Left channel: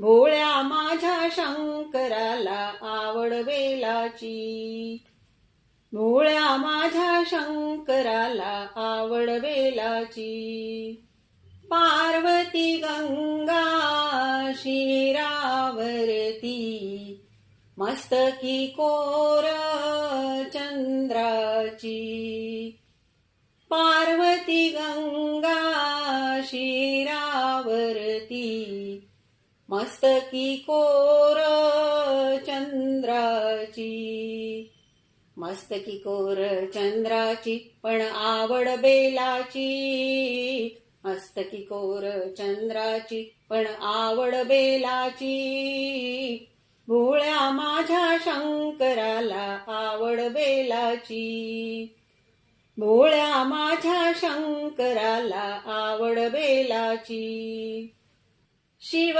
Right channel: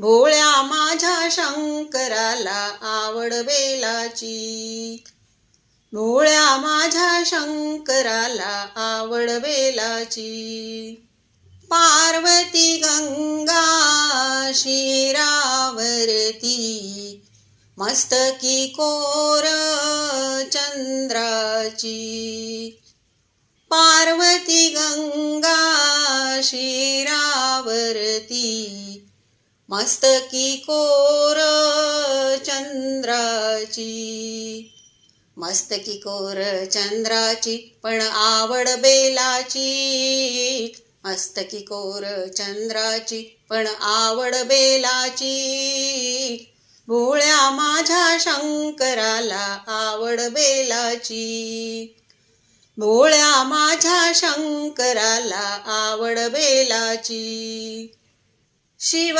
भोळ्या माझ्या शंकराला आवड बेलाची. भोळ्या माझ्या शंकराला आवड बेलाची. पार्वती गंगा शिरावरती, मस्तकी कोर चंद्राची. पार्वती गंगा शिरावरती, मस्तकी कोर चंद्राची. मस्तकी कोर चंद्राची पण आवड बेलाची. मस्तकी कोर चंद्राची पण आवड बेलाची. भोळ्या माझ्या शंकराला आवड बेलाची. भोळ्या माझ्या शंकराला आवड बेलाची. शिव